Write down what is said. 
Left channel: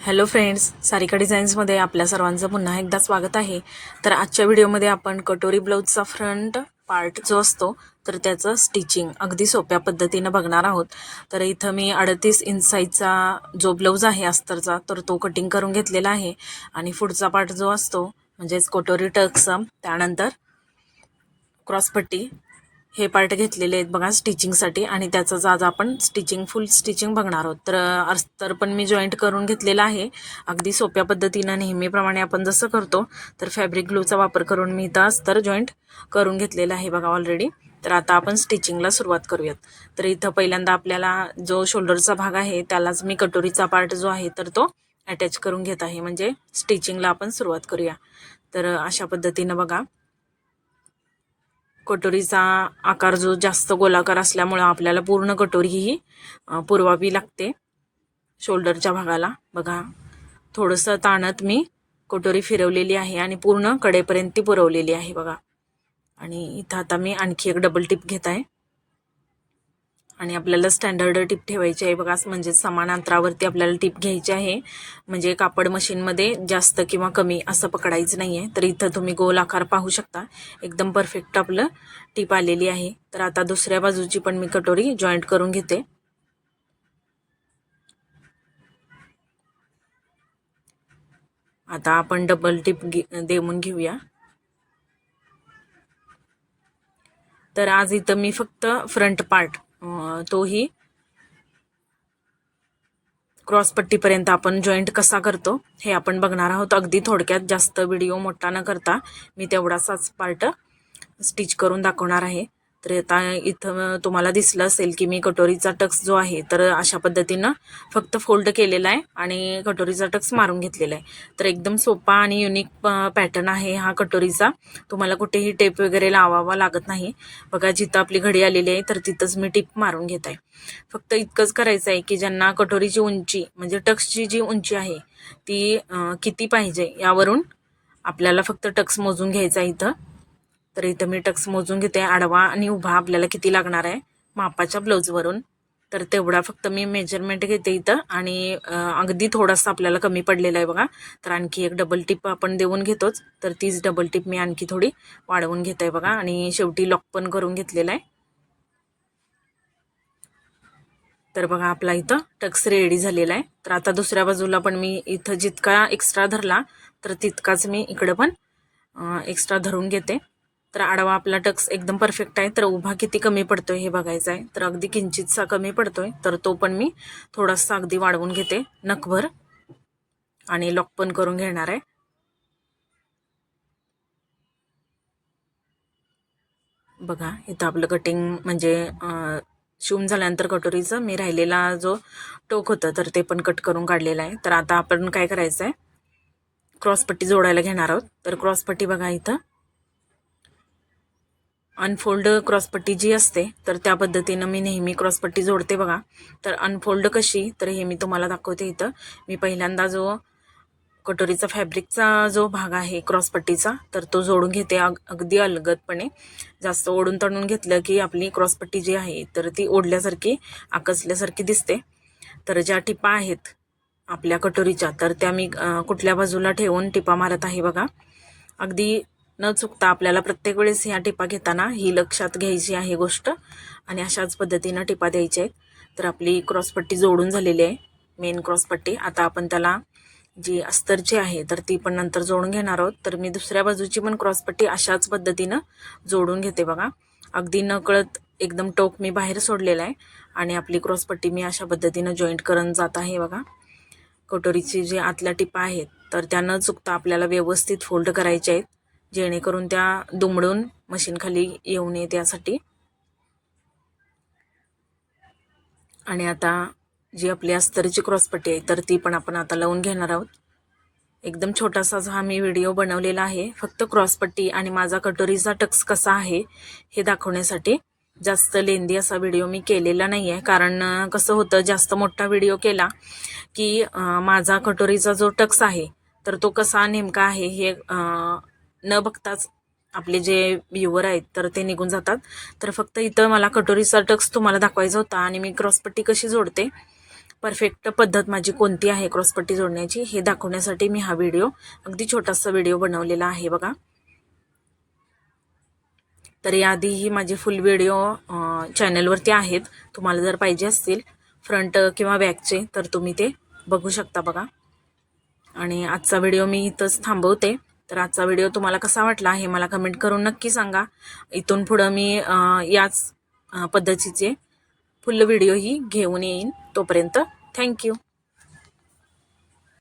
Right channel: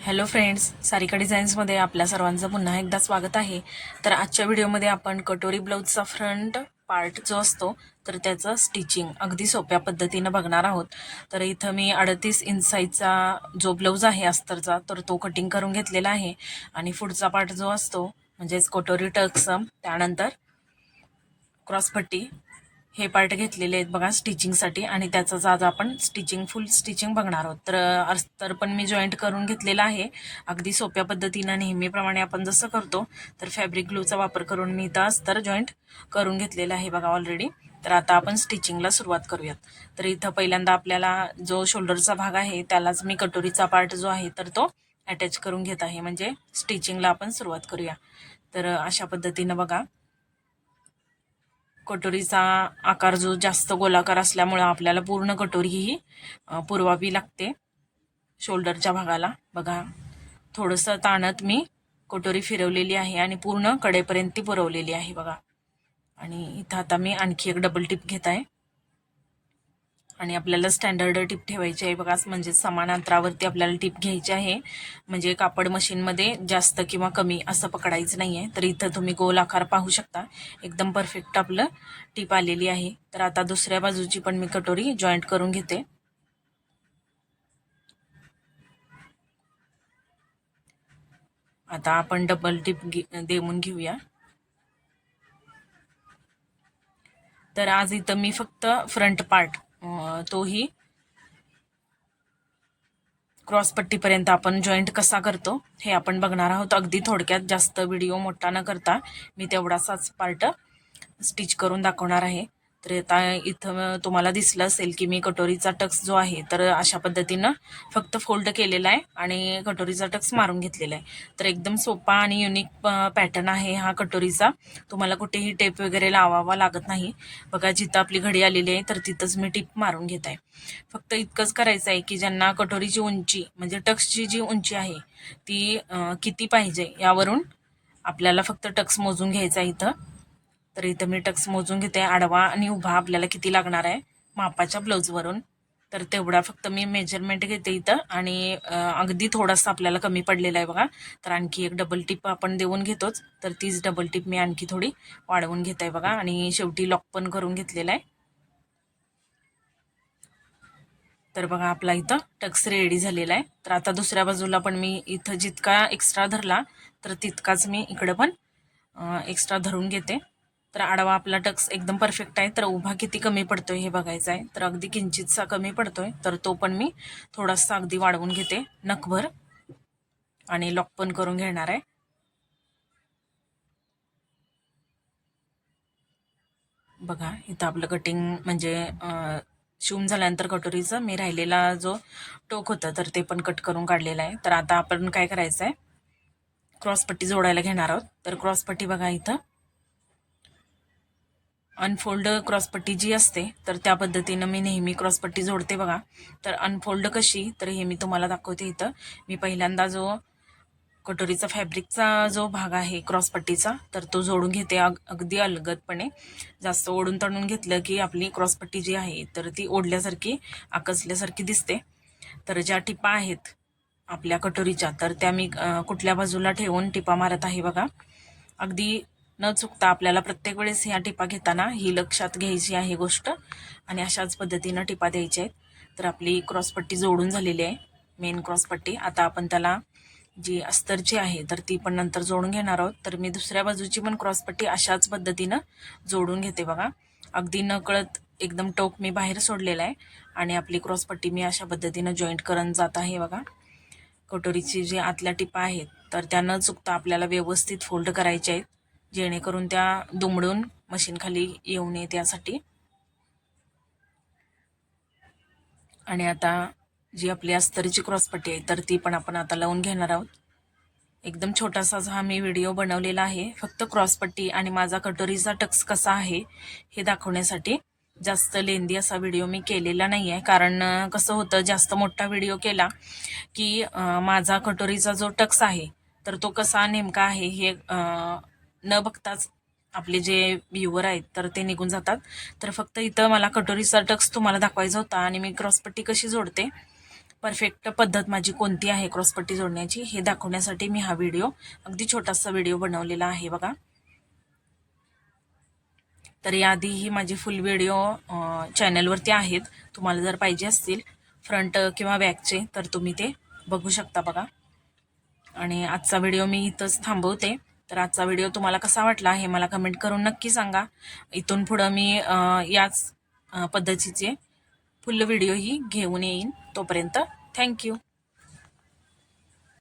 Hello friends Sarika डिझाईन्समध्ये आपल्या सर्वांचं पुन्हा एकदा स्वागत आहे. तर आजच्या व्हिडिओमध्ये आपण कटोरी ब्लाऊजचा फ्रंट पार्ट जो असतो तर त्याचं स्टिचिंग अगदी सोप्या पद्धतीनं बघणार आहोत. तर इथं मी अडतीस इंच साईजचा जो ब्लाऊज आहे अस्तरचा तर तो कटिंग करून घेतलेला आहे. आणि पुढचा पार्ट जो असतो म्हणजेच कटोरी टक्स त्यानंतर क्रॉसपट्टी हे पार्ट घेतलेले आहेत बघा स्टिचिंगसाठी आणि त्याचंच आज आपण स्टिचिंग फुल स्टिचिंग बघणार आहोत. तर अस्तर पण मी जॉईंट करून घेतलेला आहे. अगदी सोप्या पद्धतीनं नेहमीप्रमाणे आपण जसं करतो तर फॅब्रिक ग्लूचा वापर करून मी इथं अस्तर जॉईंट करून घेतलेलं आहे बघा ऑलरेडी तर आता आपण स्टिचिंगला सुरुवात करूयात. तर इथं पहिल्यांदा आपल्याला जो शोल्डरचा भाग आहे त्यालाच मी कटोरीचा पार्ट जो आहे तर तो अटॅच करून घेत आहे. म्हणजे स्टिचिंगला आपण सुरुवात करूया. तर अशा पद्धतीनं बघा. कटोरीचा आकार जो जास्त गोलाकार असल्यामुळं आपल्याला पूर्ण कटोरी ही पुरवावी लागते. शोल्डरच्या भागाला. बघा थोडंसं ताणत मी कटोरी फिरवलेली आहे आणि पूर्ण कडेपर्यंत ती पुरवलेली आहे बघा. आणि इथं आता मी आणखी एक डबल टिप घेत आहे. आणि आपल्याला स्टँडर्ड टिप ठेवायची आहे. बघा म्हणजे समान अंतरावरती आपल्याला टिप घ्यायची आहे. म्हणजे कापड मशीनमध्ये जास्त किंवा कमी असं पकडायचं नाही आहे तर इथं तुम्ही गोल आकार पाहू शकता. एकदम परफेक्ट आपलं टिप आलेली आहे. तर आता दुसऱ्या बाजूची पण मी कटोरी जॉईंट करून घेते. आता आपण डबल टिप देऊन घेऊया. तर आज इथं मी फक्त फ्रंट पार्ट तोही क्रॉसपट्टीपर्यंत आपण जॉईंट कसा करतो हे आपण बघणार आहोत. अगदी थोडक्यात जास्त व्हिडिओ मोठा न करता मी तेवढासाच पार्ट स्टिच करून दाखवणार आहे. तर आता इथं तुम्हाला दिसलं असेल की मी कटोरीचा टक्स जो आहे तर अशा पद्धतीनं फक्त फोल्ड केलेला आहे आणि कटोरीचा टक्स मारून घेतलेला आहे. तर एकदम सोपा आणि युनिक पॅटर्न आहे हा कटोरीचा. तुम्हाला कुठेही टेप वगैरे लावावा लागत नाही. बघा जिथं आपली घडी आलेली आहे तर तिथंच मी टिप मारून घेत आहे. फक्त इतकंच करायचं आहे की ज्यांना कटोरीची उंची म्हणजे टक्सची जी उंची आहे ती किती पाहिजे यावरून आपल्याला फक्त टक्स मोजून घ्यायचा इथं. तर इथं मी टक्स मोजून घेते आडवा आणि उभा आपल्याला किती लागणार आहे? मापाच्या ब्लाऊजवरून तर तेवढा फक्त मी मेजरमेंट घेते इथं आणि अगदी थोडासा आपल्याला कमी पडलेला आहे बघा. तर आणखी एक डबल टिप आपण देऊन घेतोच. तर तीच डबल टिप मी आणखी थोडी वाढवून घेत आहे बघा. आणि शेवटी लॉक पण करून घेतलेला आहे. तर बघा आपला इथं टक्स रेडी झालेला आहे. तर आता दुसऱ्या बाजूला पण मी इथं जितका एक्स्ट्रा धरला तर तितकाच मी इकडं पण एक्स्ट्रा धरून घेते. तर आडवा आपला टक्स एकदम परफेक्ट आहे. तर उभा किती कमी पडतोय हे बघायचं आहे तर अगदी किंचितसा कमी पडतोय. तर तो पण मी थोडासा अगदी वाढवून घेते. नखभर. आणि लॉक पण करून घेणार आहे. बघा इथं आपलं कटिंग म्हणजे शिवून झाल्यानंतर कटोरीचं मी राहिलेला जो टोक होतं तर ते पण कट करून काढलेलं आहे. तर आता आपण काय करायचं आहे क्रॉसपट्टी जोडायला घेणार आहोत. तर क्रॉसपट्टी बघा इथं. अनफोल्ड क्रॉसपट्टी जी असते तर त्या पद्धतीनं मी नेहमी क्रॉसपट्टी जोडते बघा. तर अनफोल्ड कशी तर हे मी तुम्हाला दाखवते इथं. मी पहिल्यांदा जो कटोरीचा फॅब्रिकचा जो भाग आहे क्रॉसपट्टीचा तर तो जोडून घेते अग अगदी अलगदपणे. जास्त ओढून तणून घेतलं की आपली क्रॉसपट्टी जी आहे तर ती ओढल्यासारखी आकसल्यासारखी दिसते. तर ज्या टिपा आहेत आपल्या कटोरीच्या तर त्या मी कुठल्या बाजूला ठेवून टिपा मारत आहे बघा. अगदी न चुकता आपल्याला प्रत्येक वेळेस ह्या टिपा घेताना ही लक्षात घ्यायची आहे गोष्ट. आणि अशाच पद्धतीनं टिपा द्यायच्या आहेत. तर आपली क्रॉसपट्टी जोडून झालेली आहे. मेन क्रॉसपट्टी. आता आपण त्याला जी अस्तरची आहे तर ती पण नंतर जोडून घेणार आहोत. तर मी दुसऱ्या बाजूची पण क्रॉसपट्टी अशाच पद्धतीनं जोडून घेते बघा. अगदी नकळत एकदम टोक मी बाहेर सोडलेला आहे. आणि आपली क्रॉसपट्टी मी अशा पद्धतीनं जॉईंट करत जात आहे बघा. कटोरीची जी आतल्या टिपा आहेत तर त्या न चुकता आपल्याला व्यवस्थित फोल्ड करायच्या आहेत. जेणेकरून त्या दुमडून मशीनखाली येऊ नये त्यासाठी. आणि आता जी आपली अस्तरीची क्रॉसपट्टी आहे तर ती पण आपण आता लावून घेणार आहोत. एकदम छोटासा हा मी व्हिडिओ बनवलेला आहे फक्त क्रॉसपट्टी आणि माझा कटोरीचा टक्स कसा आहे हे दाखवण्यासाठी जास्त लेंदी असा व्हिडिओ मी केलेला नाही आहे कारण कसं होतं जास्त मोठा व्हिडिओ केला की माझा कटोरीचा जो टक्स आहे तर तो कसा नेमका आहे हे न बघताच आपले जे व्ह्युअर आहेत तर ते निघून जातात. तर फक्त इथं मला कटोरीचा टक्स तुम्हाला दाखवायचा होता आणि मी क्रॉसपट्टी कशी जोडते? परफेक्ट पद्धत माझी कोणती आहे क्रॉसपट्टी जोडण्याची हे दाखवण्यासाठी मी हा व्हिडिओ अगदी छोटासा व्हिडिओ बनवलेला आहे बघा. तर याआधी ही माझी फुल व्हिडिओ चॅनलवरती आहेत. तुम्हाला जर पाहिजे असतील फ्रंट किंवा बॅकचे तर तुम्ही ते बघू शकता बघा. आणि आजचा व्हिडिओ मी इथंच थांबवते. तर आजचा व्हिडिओ तुम्हाला कसा वाटला हे मला कमेंट करून नक्की सांगा. इथून पुढं मी याच पद्धतीचे फुल व्हिडिओही घेऊन येईन तोपर्यंत. थँक्यू